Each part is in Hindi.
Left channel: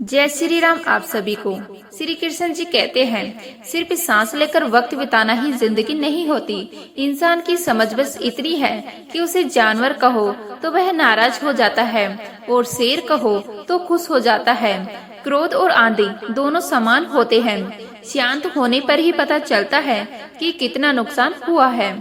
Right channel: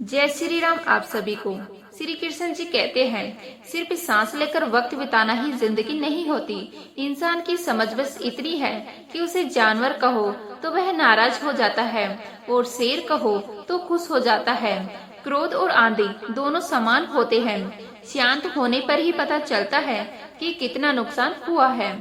जय श्री राम। आप सभी को श्री कृष्ण जी कहते हैं, सिर्फ सांस लेकर वक्त बिताना ही जिंदगी नहीं होती। इंसान की समझ बस इतनी है कि उसे जानवर कहो तो वह नाराज हो जाता है और शेर कहो तो खुश हो जाता है। क्रोध और आंधी दोनों समान होते हैं। शांत होने पर ही पता चलता है कि कितना नुकसान हुआ है।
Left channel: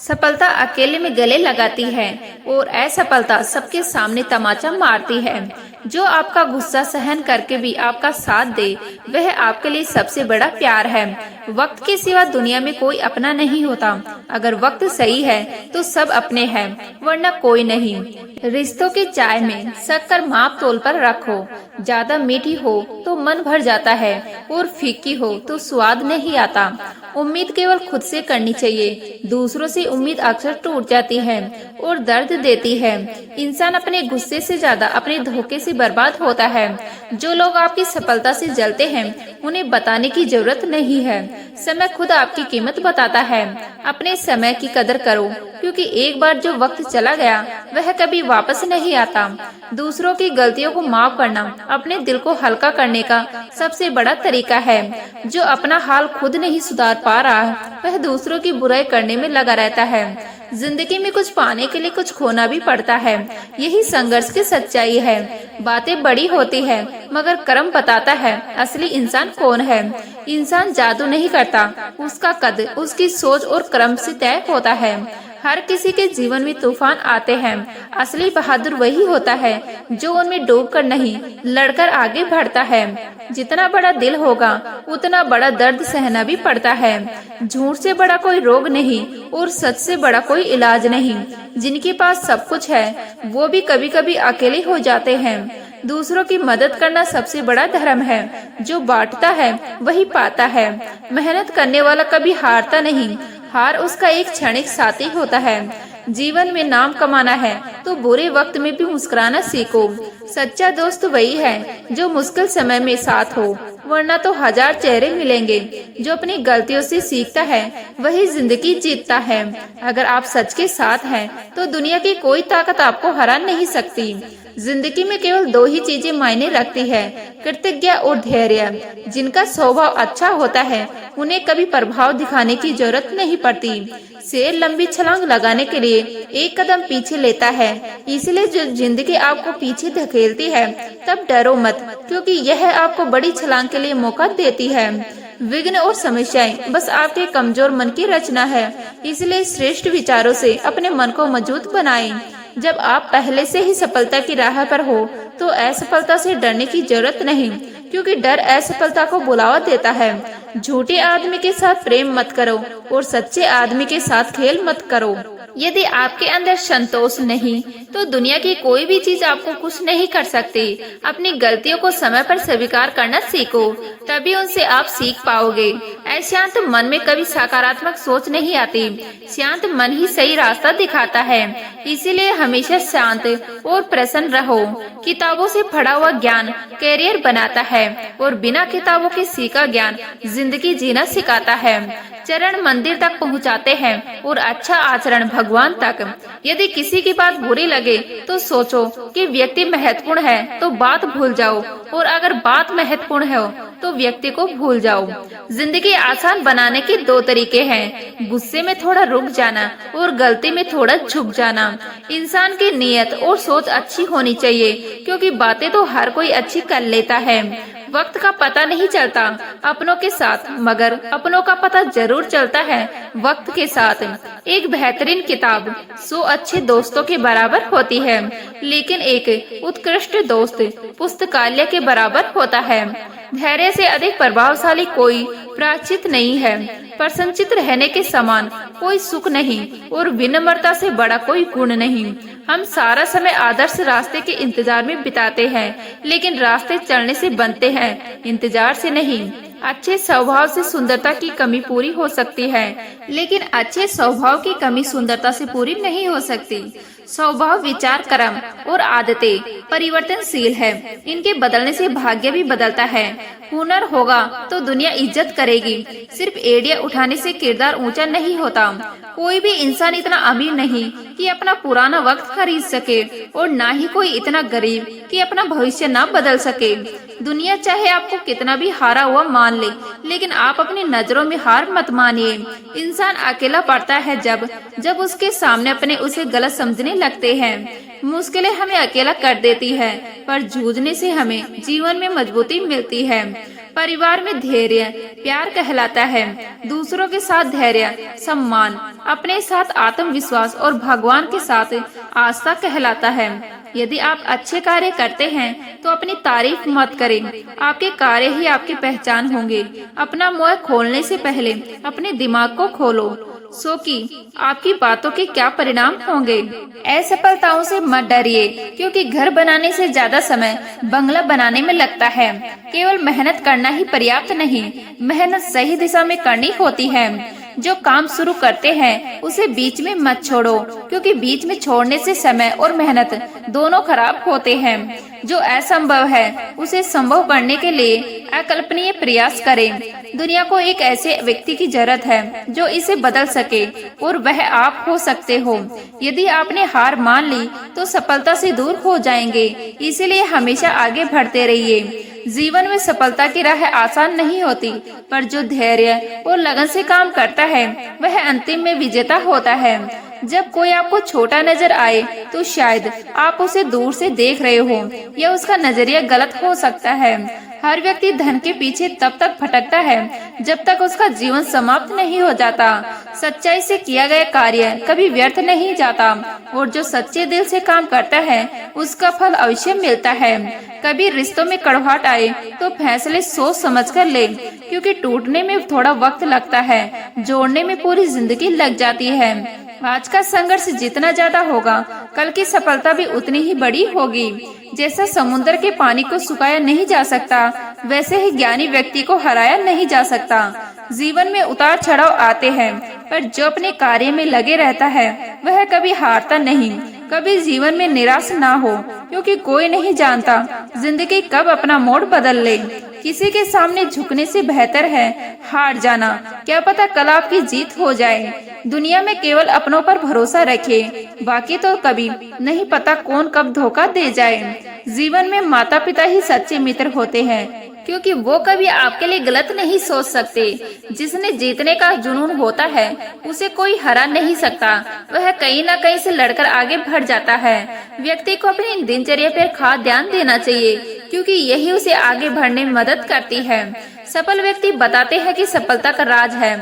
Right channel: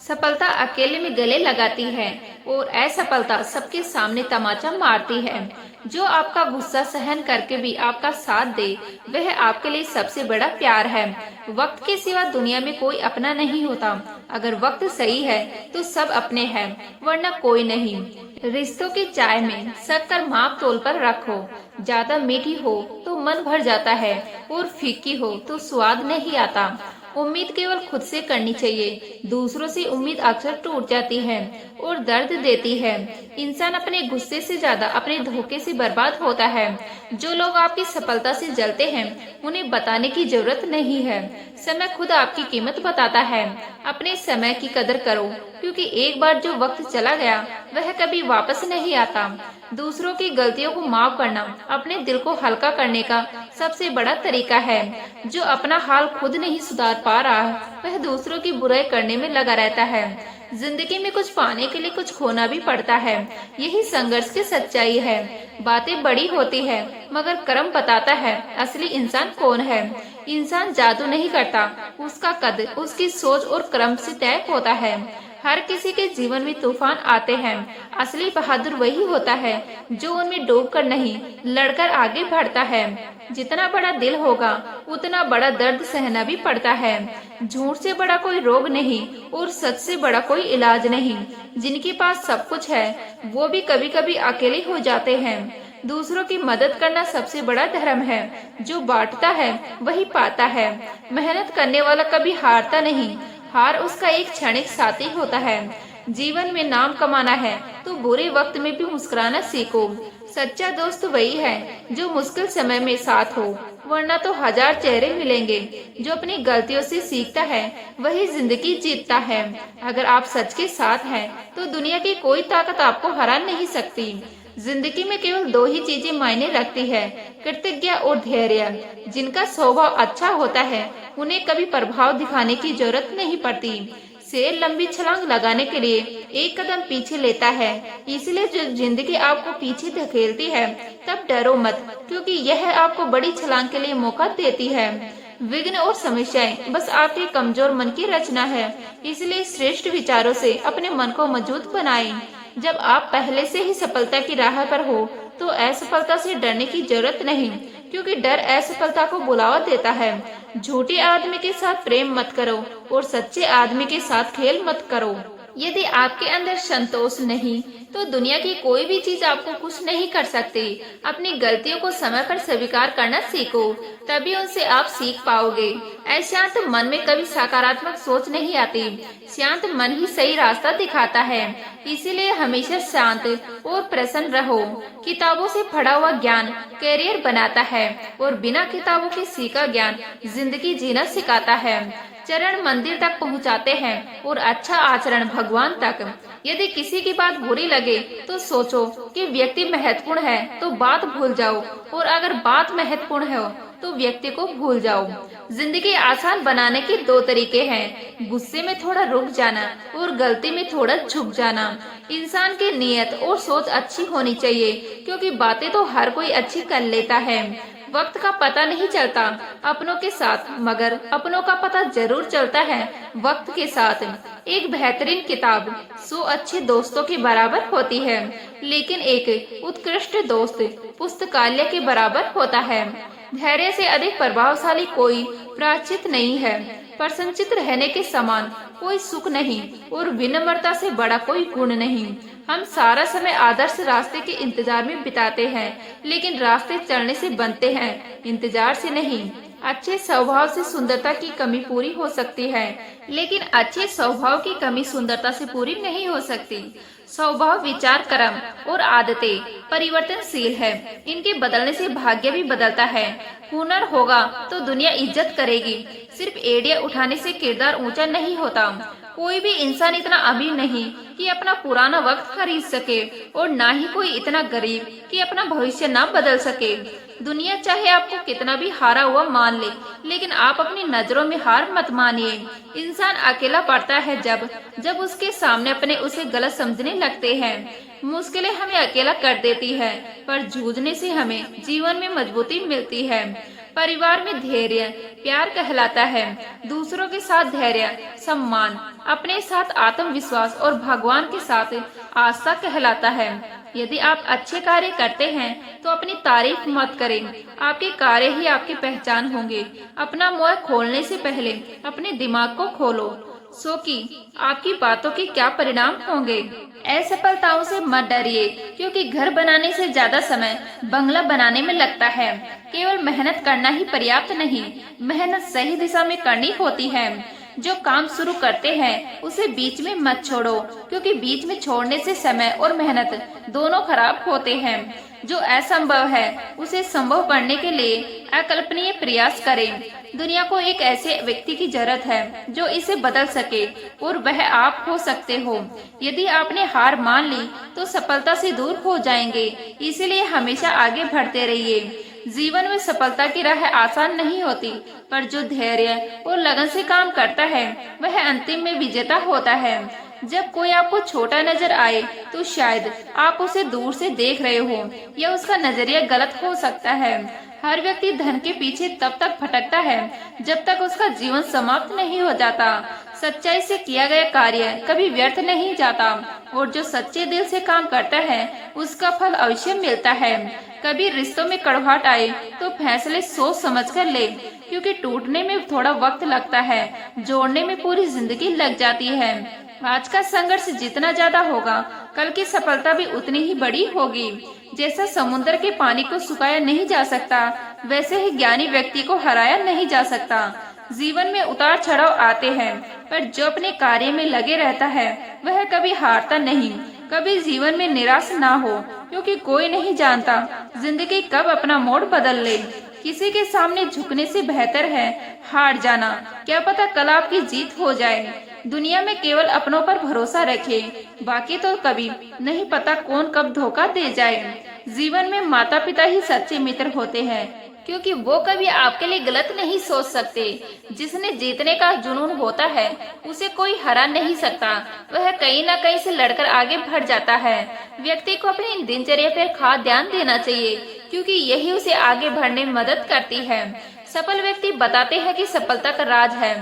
सफलता अकेले में गले लगाती है और असफलता सबके सामने तमाचा मारती है। जो आपका गुस्सा सहन करके भी आपका साथ दे, वह आपके लिए सबसे बड़ा प्यार है। वक्त के सिवा दुनिया में कोई अपना नहीं होता। अगर वक्त सही है तो सब अपने हैं, वरना कोई नहीं। रिश्तों की चाय में शक्कर माप तोल पर रखो। ज्यादा मीठी हो तो मन भर जाता है और फीकी हो तो स्वाद नहीं आता। उम्मीद केवल खुद से करनी चाहिए, दूसरों से उम्मीद अक्सर टूट जाती है और दर्द देती है। इंसान अपने गुस्से से ज्यादा अपने धोखे से बर्बाद होता है। जो लोग आपकी सफलता से जलते हैं, उन्हें बताने की जरूरत नहीं है। समय खुद आपकी कीमत बताता है। अपने समय की कदर करो, क्योंकि एक बार जो वक्त चला गया वह कभी वापस नहीं आता। दूसरों की गलतियों को माफ करना अपने दिल को हल्का करने का सबसे बड़ा तरीका है। जो अपना हाल खुद नहीं सुधार पा रहा, वह दूसरों की बुराई करने में लगा रहता है। जिंदगी में कुछ पाने के लिए कुछ खोना भी पड़ता है, यही संघर्ष की सच्चाई है। बातें बड़ी होती है, मगर कर्म बताता है असली इंसान कौन है। इंसान जादू नहीं करता, उसका कद उसकी सोच और कर्म से तय होता है। हर किसी के जीवन में तूफान आते हैं। असली बहादुर वही होता है जो उनमें डूबकर नहीं, लड़कर आगे बढ़ता है। जितना बड़ा दिल होगा, उतना बड़ा दर्द सहना भी पड़ता है। झूठ से बड़ा कोई रोग नहीं और सच से बड़ा कोई इलाज नहीं। जिनके पास सब कुछ है, वो भी कभी कभी अकेले हो जाते हैं। दूसरों की मदद करना सबसे बड़ा धर्म है। जो बांटता है वही पाता है। मेहनत करने वाला कभी हारता नहीं। हार उसका एक क्षणिक साथी होता है। जीवन में नाम कमाना है तो बुरे वक्त में भी मुस्कुराना सीखो। सच्चा दोस्त वही है जो मुश्किल समय में साथ हो, वरना तो हजार चेहरे मिलेंगे। जो अपनी गलतियों से सीखता है वही जिंदगी जीतता है। अगर आप सच के साथ हैं तो दुनिया की कोई ताकत आपको हरा नहीं सकती। जिंदगी में केवल दो ही चीजें मायने रखती है, कृतज्ञता और धैर्य। जिनका स्वभाव अच्छा होता है, उन्हें कभी प्रभाव दिखाने की जरूरत नहीं पड़ती। शेर लंबी छलांग लगाने के लिए एक कदम पीछे लेता है। इसलिए जो जिंदगी आपको पीछे धकेलती है, तब डरो मत, क्योंकि यह आपको बड़ी छलांग के लिए मौका देती है। विघ्न और समस्याएं बस आपके कमजोर मन की रचना है। इसलिए श्रेष्ठ विचारों से अपने मन को मजबूत बनाएं। जब आप पहले से ही सफलता की राह पर हो, तो असफलता से डरने की जरूरत नहीं, क्योंकि डर असफलता को बुलावा देता है। झूठे आदमी के साथ प्रेम मत करो और सच्चे आदमी के साथ खेल मत करो। यदि आपके अंदर संतोष नहीं, तो दुनिया की कोई भी चीज आपको कुछ नहीं कर सकती। अपनी गलतियों को समय पर स्वीकार करना सीखो, तभी उनसे आप सीख पाओगे। अशांत मन में कभी सकारात्मक सोच नहीं आती। शांत मन ही सही रास्ता दिखाता है। इसीलिए हमेशा शांत और प्रसन्न रहो। किताबों से पढ़ा हुआ ज्ञान कैरियर बनाता है और बिना किताबों के सीखा ज्ञान जिंदगी जीना सिखाता है। चरण मंदिर तक पहुंचाते हैं और अच्छा आचरण भगवान तक। यदि किसी की बात बुरी लगे तो सोचो कि व्यक्ति महत्वपूर्ण है तो बात भूल जाओ, और अगर बात महत्वपूर्ण हो तो व्यक्ति को भूल जाओ। जिंदगी आसान बनाने के दो तरीके हैं, गुस्से में थोड़ा रुक जाना और गलती में थोड़ा झुक जाना। इंसान की नीयत और सोच अच्छी होनी चाहिए, क्योंकि बातें तो हर कोई अच्छी कर लेता है। वक्त का पता नहीं चलता अपनों के साथ, मगर अपनों का पता जरूर चलता है वक्त के साथ। एक बेहतरीन किताब 100 अच्छे दोस्तों के बराबर होती है, लेकिन एक उत्कृष्ट दोस्त पुस्तकालय के बराबर होता है। धैर्य से अधिक प्रभावशाली कोई प्रायश्चित नहीं है। प्रसन्नचित रहने के समान कोई सुख नहीं और विनम्रता से बड़ा कोई गुण नहीं। हम सारा समय आदर्श रास्ते के इंतजार में बिताते हैं, लेकिन रास्ते चलने से बनते हैं, इंतजार से नहीं। अच्छे स्वभाव से सुंदरता की कमी पूरी हो सकती है, लेकिन अच्छे स्वभाव की कमी सुंदरता से पूरी नहीं हो सकती। स्वभाव, विचार, कर्म और आदतें परिवर्तनशील है। इनके बदलने से भाग्य भी बदलता है। हुनर होगा तो दुनिया इज्जत करेगी। सिर्फ एड़िया उठाने से किरदार ऊंचा नहीं होता। कोई भी इंसान इतना अमीर नहीं कि अपना पुराना वक्त खरीद सके और ना ही कोई इतना गरीब कि अपना भविष्य ना बदल सके। दुनिया चाहे आपको कितना भी हारा हुआ मान ले, लेकिन आप अपनी नजरों में हार मत मानिए। इंसान अकेला पड़ता है जब उसके सामने अपने उसे गलत समझने लगते हैं। मुश्किलें हमें अकेला कर देती है, पर जूझने से हमें जीवन में मजबूती मिलती है। परिवार में धैर्य प्यार कहलाता है, दूसरों के साथ धैर्य सम्मान, अपने साथ आत्मविश्वास और भगवान के साथ आस्था कहलाता है। यदि आप अच्छे कार्य करते हैं तो अपनी तारीफ मत करें, आपके कार्य ही आपकी पहचान होंगे। अपना मुंह खोलने से पहले अपने दिमाग को खोलो, सो कि आपकी बातों के क्या परिणाम होंगे। असफलताओं से मत डरिए, क्योंकि घर बनाने से ज्यादा समय बंगला बनाने में लगता है। केवल मेहनत करना ही पर्याप्त नहीं, मेहनत सही दिशा में करनी होती है। जो काम शुरू करते हैं उसे बीच में मत छोड़ो, क्योंकि बीच में छोड़ने से समय और मेहनत दोनों खराब होते हैं। जो असंभव है उसे संभव करने के लिए अकल्पनीय प्रयास करें। दुनिया को एक ऐसे व्यक्ति की जरूरत है जो इसे बदल सके, और वह आप हो सकते हो। यदि आपने हार मान ली तो सफलता से दूर हो जाएंगे, इसीलिए हमेशा आगे बढ़ते रहिए। जीवन में सफलता की राह आसान नहीं होती, पर जो धैर्य और लगन से काम करता है वह अंतिम में विजेता होता है। जब कोई आपको छोटा नजर आए तो शायद आप उसे दूर से देख रहे हो, या उसका नजरिया गलत हो सकता है। हर व्यक्ति धन के पीछे तब तक भटकता है जब तक उसका जीवन समाप्त नहीं हो जाता। सच्चाई से किया गया कार्य कभी व्यर्थ नहीं जाता, और जो सच्चे दिल से काम करता है उसका फल अवश्य मिलता है। कभी रिश्तों में कड़वाहट आए तो फैसले सोच समझ कर ले, क्योंकि टूटने में थोड़ा वक्त लगता है, जोड़ने में पूरी जिंदगी लग जाती है। आज का संघर्ष जितना ज्यादा होगा, कल की सफलता भी उतनी ही बड़ी होगी। जैसा समुद्र के पानी को सुखाया नहीं जा सकता, वैसे ही ज्ञानी व्यक्ति को हराया नहीं जा सकता। जीवन में उतार चढ़ाव आते हैं, पर जो अपने कार्य में लगे रहता है वह कभी हारता नहीं। कभी जीवन में निराश ना हो, क्योंकि कोई नहीं जानता जिंदगी कब अपना मोड़ बदल ले। किसी के सामने झुकने से बेहतर है हार जाना, क्या पता कल आपकी जीत हो जाए। दुनिया में केवल अपनों पर भरोसा रखिए, बाकी तो कभी नहीं पता कौन कब धोखा दे जाए। जीवन में माता पिता ही सच्चे मित्र होते हैं, क्योंकि वो कभी आपके लिए गलत नहीं सोच सकते। जिसने जीतने का जुनून होता है उसे कोई हरा नहीं सकता, वह कहीं न कहीं से लड़कर आगे बढ़ जाता है। व्यक्ति को अपनी दिनचर्या पर खास ध्यान देना चाहिए, क्योंकि यही उसे आगे बढ़ने में मदद करती है। सफल व्यक्ति बताते हैं कि सफलता का राज है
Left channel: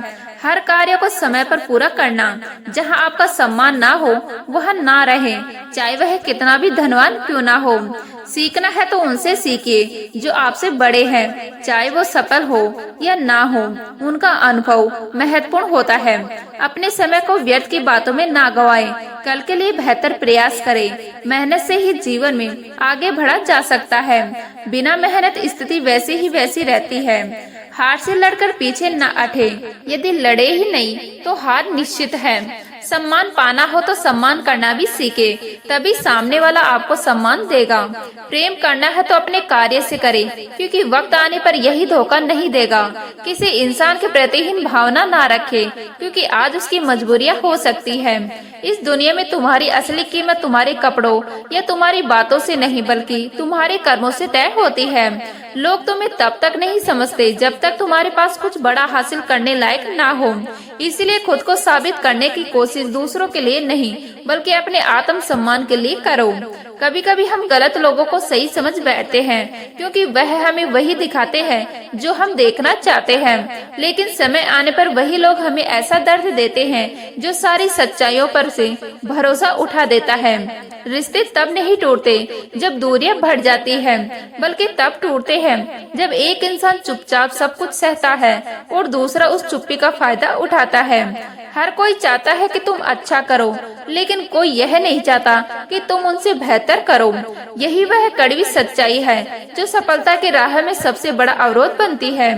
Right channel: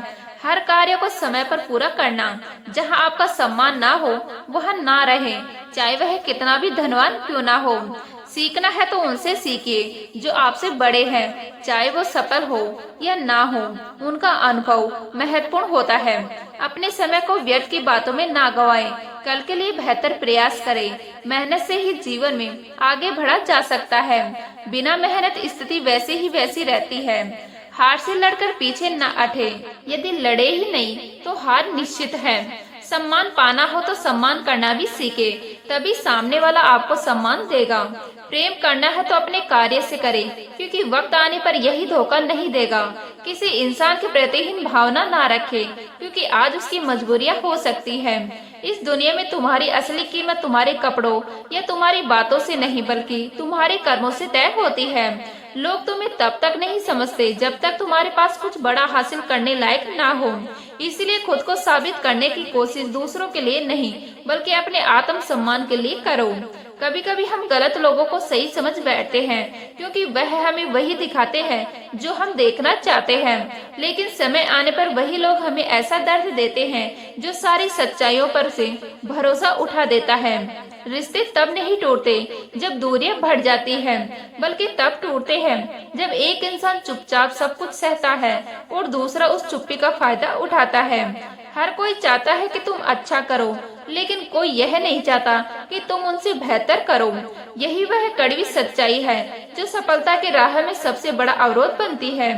हर कार्य को समय पर पूरा करना। जहां आपका सम्मान ना हो वहां ना रहे, चाहे वह कितना भी धनवान क्यों ना हो। सीखना है तो उनसे सीखिए जो आपसे बड़े हैं, चाहे वो सफल हो या ना हो, उनका अनुभव महत्वपूर्ण होता है। अपने समय को व्यर्थ की बातों में ना गवाएं, कल के लिए बेहतर प्रयास करें। मेहनत से ही जीवन में आगे बढ़ा जा सकता है, बिना मेहनत स्थिति वैसी ही वैसी रहती है। हार से लड़कर पीछे न हटे, यदि लड़े ही नहीं तो हार निश्चित है। सम्मान पाना हो तो सम्मान करना भी सीखे, तभी सामने वाला आपको सम्मान देगा। प्रेम करना है तो अपने कार्य से करें, क्योंकि वक्त आने पर यही धोखा नहीं देगा। किसी इंसान के प्रति हीन भावना ना रखे, क्योंकि आज उसकी मजबूरियां हो सकती है। इस दुनिया में तुम्हारी असली कीमत तुम्हारे कपड़ों या तुम्हारी बातों से नहीं, बल्कि तुम्हारे कर्मों से तय होती है। लोग तुम्हें तब तक नहीं समझते जब तक तुम्हारे पास कुछ बड़ा हासिल करने लायक ना हो। इसलिए खुद को साबित करने की कोशिश दूसरों के लिए नहीं, बल्कि अपने आत्म सम्मान के लिए करो। कभी कभी हम गलत लोगों को सही समझ बैठते हैं, क्योंकि वह हमें वही दिखाते हैं जो हम देखना चाहते हैं। लेकिन समय आने पर वही लोग हमें ऐसा दर्द देते हैं जो सारी सच्चाइयों पर से भरोसा उठा देता है। रिश्ते तब नहीं टूटते जब दूरियां बढ़ जाती हैं, बल्कि तब टूटते हैं जब एक इंसान चुपचाप सब कुछ सहता है और दूसरा उस चुप्पी का फायदा उठाता है। हर कोई चाहता है कि तुम अच्छा करो, लेकिन कोई यह नहीं चाहता कि तुम उनसे बेहतर करो। यही वह कड़वी सच्चाई है जो सफलता की राह में सबसे बड़ा अवरोध बनती है।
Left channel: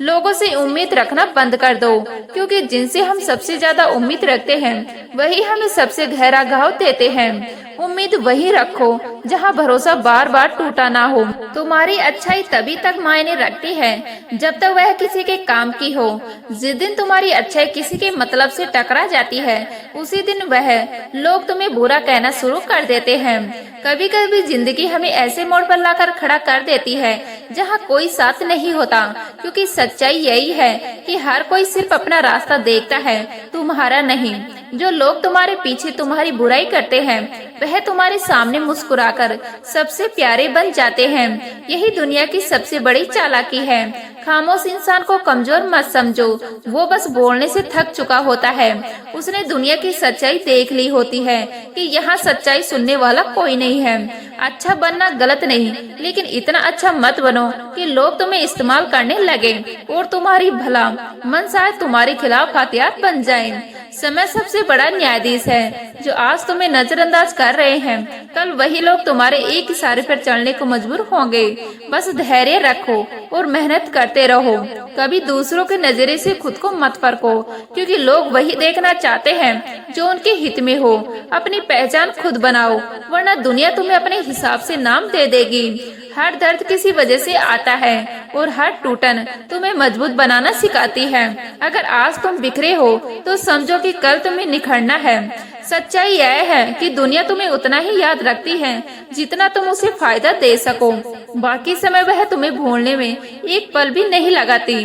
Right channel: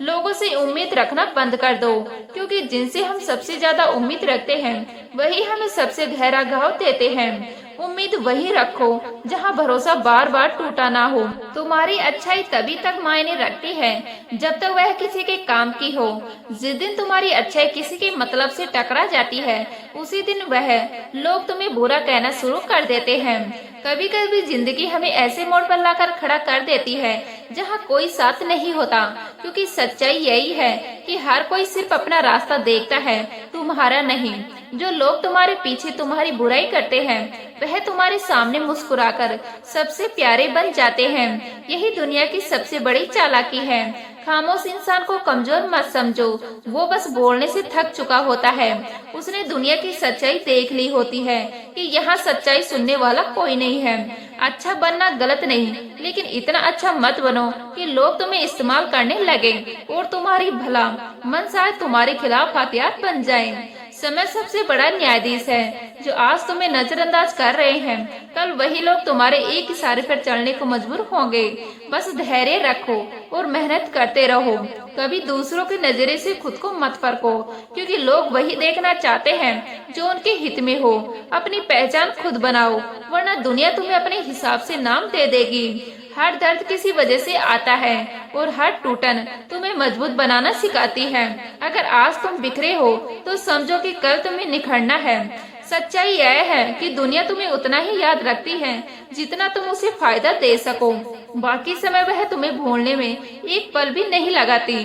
लोगों से उम्मीद रखना बंद कर दो, क्योंकि जिनसे हम सबसे ज्यादा उम्मीद रखते हैं वही हमें सबसे गहरा घाव देते हैं। उम्मीद वही रखो जहाँ भरोसा बार बार टूटा ना हो। तुम्हारी अच्छाई तभी तक मायने रखती है जब तक वह किसी के काम की हो। जिस दिन तुम्हारी अच्छाई किसी के मतलब से टकरा जाती है, उसी दिन वह लोग तुम्हें बुरा कहना शुरू कर देते हैं। कभी कभी जिंदगी हमें ऐसे मोड़ पर लाकर खड़ा कर देती है जहाँ कोई साथ नहीं होता, क्योंकि सच्चाई यही है कि हर कोई सिर्फ अपना रास्ता देखता है, तुम्हारा नहीं। जो लोग तुम्हारे पीछे तुम्हारी बुराई करते हैं, वह तुम्हारे सामने मुस्कुराकर सबसे प्यारे बन जाते हैं। यही दुनिया की सबसे बड़ी चालाकी है। खामोश इंसान को कमजोर मत समझो, वो बस बोलने से थक चुका होता है। उसने दुनिया की सच्चाई देख ली होती है कि यहाँ सच्चाई सुनने वाला कोई नहीं है। अच्छा बनना गलत नहीं, लेकिन इतना अच्छा मत बनो कि लोग तुम्हें इस्तेमाल करने लगे और तुम्हारी भला मन शायद तुम्हारे खिलाफ हथियार बन जाए। समय सबसे बड़ा न्यायाधीश है। जो आज तुम्हें नजरअंदाज कर रहे हैं, कल वही लोग तुम्हारे एक इशारे पर चलने को मजबूर होंगे। बस धैर्य रखो और मेहनत करते रहो। कभी दूसरों के नजरे से खुद को मत फरको, क्योंकि लोग वही देखना चाहते हैं जो उनके हित में हो। अपनी पहचान खुद बनाओ, वरना दुनिया तुम्हें अपने हिसाब से नाम दे देगी। हर दर्द किसी वजह से आता है और हर टूटन तुम्हें मजबूत बनाना सिखाती है। अगर आज तुम बिखरे हो तो समझो कि कल तुम्हें निखरना है। सच्चाई यह है कि दुनिया तुम्हें उतना ही याद रखती है जितना तुम उसे फायदा दे सको। बाकी समय वह तुम्हें भूलने में एक पल भी नहीं लगाती।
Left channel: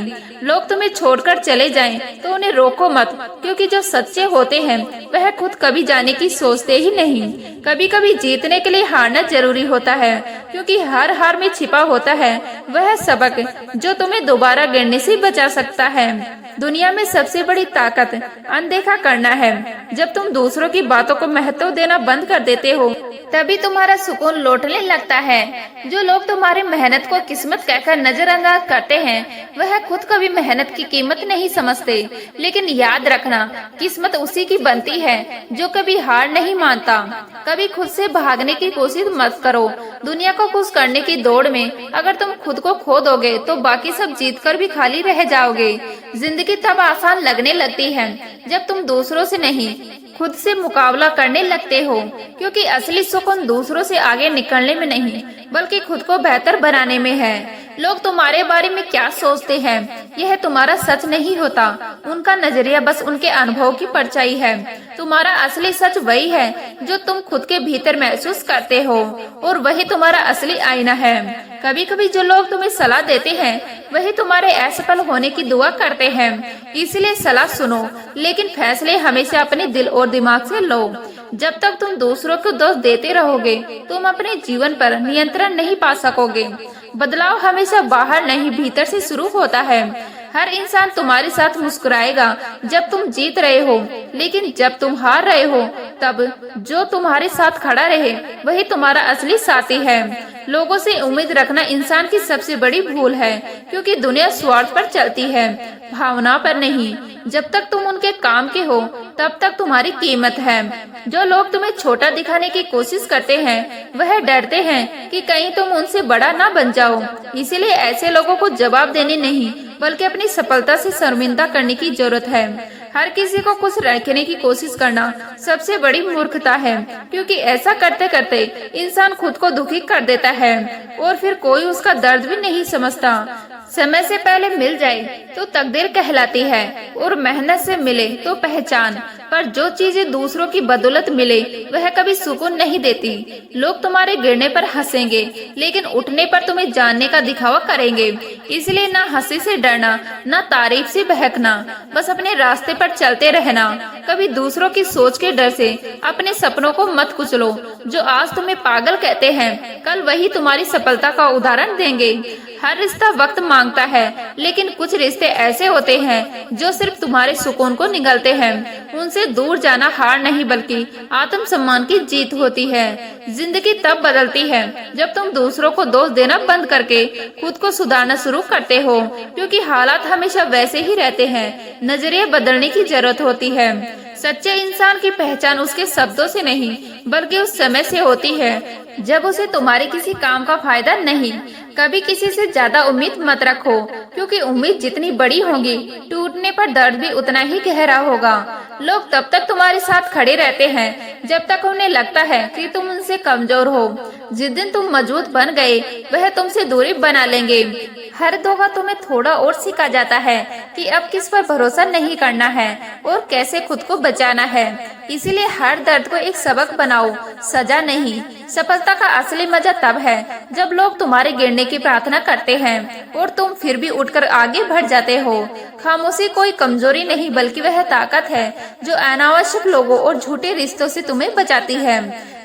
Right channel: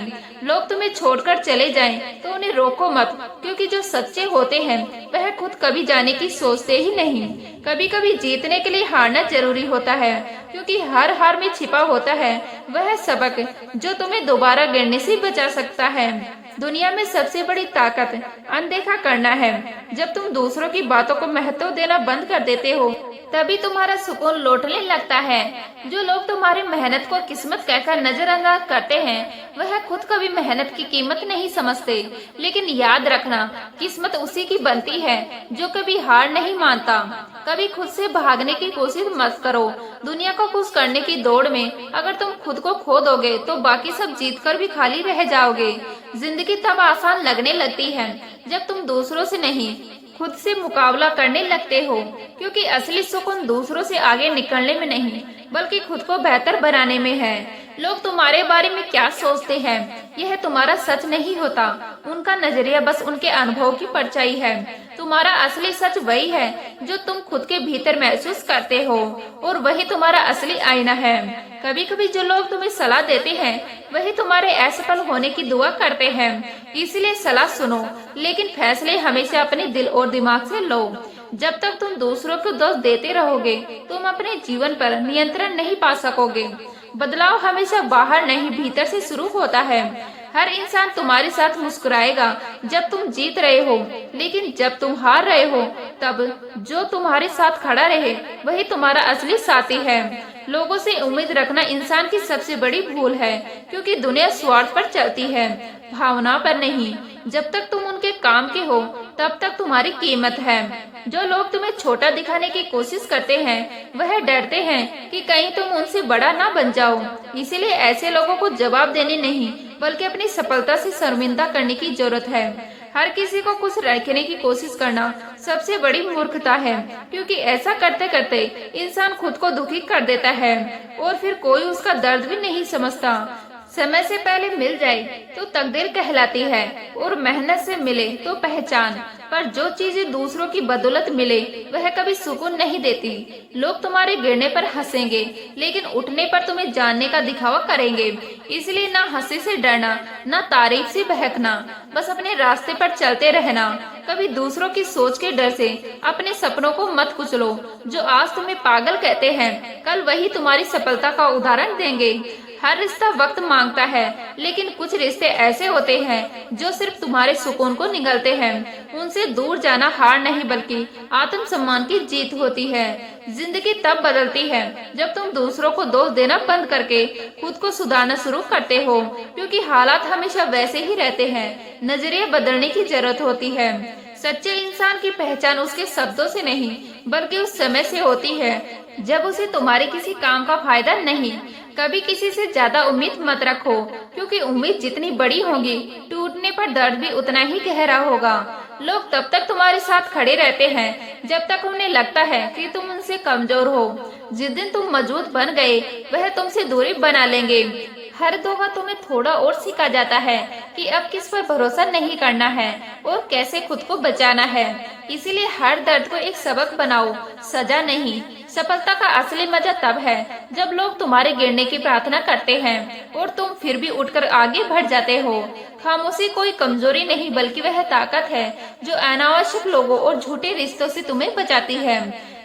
लोग तुम्हें छोड़कर चले जाएं तो उन्हें रोको मत, क्योंकि जो सच्चे होते हैं वह खुद कभी जाने की सोचते ही नहीं। कभी कभी जीतने के लिए हारना जरूरी होता है, क्योंकि हर हार में छिपा होता है वह सबक जो तुम्हें दोबारा गिरने से बचा सकता है। दुनिया में सबसे बड़ी ताकत अनदेखा करना है। जब तुम दूसरों की बातों को महत्व देना बंद कर देते हो, तभी तुम्हारा सुकून लौटने लगता है। जो लोग तुम्हारी मेहनत को किस्मत कहकर नजरअंदाज करते हैं, वह खुद कभी मेहनत की कीमत नहीं समझते। लेकिन याद रखना, किस्मत उसी की बनती है जो कभी हार नहीं मानता। कभी खुद से भागने की कोशिश मत करो। दुनिया को खुश करने की दौड़ में अगर तुम खुद को खो दोगे तो बाकी सब जीतकर भी खाली रह जाओगे। जिंदगी तब आसान लगने लगती है जब तुम दूसरों से नहीं, खुद से मुकाबला करने लगते हो, क्योंकि असली सुकून दूसरों से आगे निकलने में नहीं, बल्कि खुद को बेहतर बनाने में है। लोग तुम्हारे बारे में क्या सोचते हैं, यह तुम्हारा सच नहीं होता। उनका नजरिया बस उनके अनुभव की परछाई है। तुम्हारा असली सच वही है जो तुम खुद के भीतर महसूस करते हो, और वही तुम्हारा असली आईना है। कभी कभी जो लोग तुम्हें सलाह देते हैं, वही तुम्हारे असफल होने की दुआ करते हैं। इसलिए सलाह सुनो, लेकिन फैसले हमेशा अपने दिल और दिमाग से लो। जब तक तुम दूसरों को दोष देते रहोगे, तुम अपने जीवन पर नियंत्रण नहीं पा सकोगे। बदलाव हमेशा बाहर नहीं, भीतर से शुरू होता है। हर इंसान तुम्हारे साथ मुस्कुराएगा जब तुम जीत रहे हो, लेकिन जब तुम हार रहे हो, तब जो तुम्हारे साथ खड़ा रहे वही तुम्हारा असली साथी है। लोगों से उम्मीद रखना इंसान की सबसे बड़ी भूल है, क्योंकि दुनिया स्वार्थ पर चलती है, भावना पर नहीं। जब तक तुम उनके काम के हो, तब तक तुम्हारी कीमत है। जो लोग तुम्हें छोटा दिखाने की कोशिश करते हैं, वह डरते हैं कि कहीं तुम उनसे बड़ा ना बन जाओ। इसीलिए ऐसे लोगों को जवाब देने नहीं, बल्कि अपनी सफलता से शर्मिंदा करने की जरूरत है। हर किसी को खुश रखने की कोशिश करना सबसे बड़ी मूर्खता है, क्योंकि ऐसा करते करते इंसान खुद को दुखी कर देता है और फिर कोई उसका दर्द भी नहीं समझता। समय से पहले मिल जाए तो तकदीर कहलाती है, और मेहनत से मिले तो पहचान। पर जो चीजें दूसरों की बदौलत मिले, वह कभी सुकून नहीं देती। लोग तुम्हारे गिरने पर हंसेंगे, लेकिन उठने पर तुम्हें जानने का दिखावा करेंगे। इसलिए न हंसी से डरना, न तारीफ से बहकना, बस अपने रास्ते पर चलते रहना। कभी दूसरों की सोच के डर से अपने सपनों को मत कुचलो। जो आज तुम्हें पागल कहते हैं, कल वही तुम्हारी सफलता का उदाहरण देंगे। हर रिश्ता वक्त मांगता है, लेकिन कुछ रिश्ते ऐसे होते हैं जो सिर्फ तुम्हारे सुकून को निगलते हैं। उनसे दूर जाना हार नहीं, बल्कि आत्मसम्मान की जीत होती है। जिंदगी तब बदलती है जब तुम दूसरों को दोष देना बंद करके खुद को सुधारना शुरू करते हो, क्योंकि हालात हमेशा वैसे ही रहते हैं। नजरिया बदलने की जरूरत होती है। सच्चे इंसान की पहचान उसके शब्दों से नहीं, बल्कि उस समय से होती है जब उसे तुम्हारे किसी काम का फायदा नहीं। कभी किसी से ज्यादा उम्मीद मत रखो, क्योंकि उम्मीद जितनी बड़ी होगी, टूटने पर दर्द भी उतना ही गहरा होगा। लोग तब तक तुम्हारे साथ खड़े रहते हैं जब तक उन्हें लगता है कि तुम उनसे कमजोर हो। जिस दिन तुम मजबूत बन गए, वह तुमसे दूरी बना लेंगे। हर दफा तुम्हें थोड़ा और सिखा जाता है कि अब किस पर भरोसा नहीं करना है और कैसे खुद को बचाना है। इसीलिए हर दर्द को एक सबक बनाओ, सजा नहीं। सफलता का असली मजा तब है जब लोग तुम्हारे गिरने की प्रार्थना करते हैं और तुम फिर भी उठकर आगे बढ़ जाते हो। खामोशी कोई कमजोरी नहीं, बल्कि वह ताकत है जो अनावश्यक लोगों और झूठे रिश्तों से तुम्हें बचाती है।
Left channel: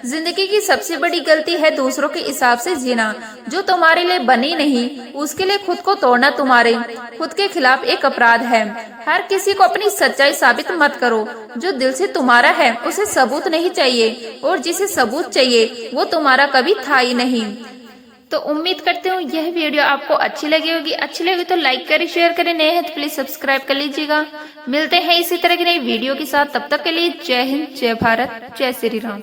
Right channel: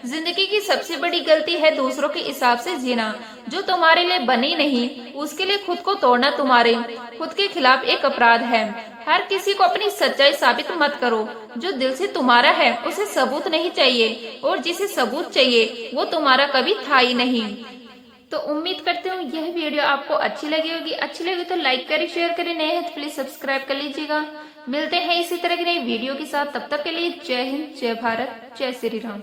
जिंदगी की सबसे बड़ी गलती है दूसरों के हिसाब से जीना। जो तुम्हारे लिए बनी नहीं, उसके लिए खुद को तोड़ना तुम्हारे खुद के खिलाफ एक अपराध है। हर किसी को अपनी सच्चाई साबित मत करो। जो दिल से तुम्हारा है उसे सबूत नहीं चाहिए, और जिसे सबूत चाहिए वो तुम्हारा कभी था ही नहीं। तो उम्मीद करती हूँ यह वीडियो आपको अच्छी लगी होगी। अच्छी लगी तो लाइक करें, शेयर करें, नए हैं तो प्लीज सब्सक्राइब कर लीजिएगा। मिलते हैं इसी तरह की नई वीडियो के साथ, तब तक के लिए जय हिंद, जय भारत, जय श्री राम।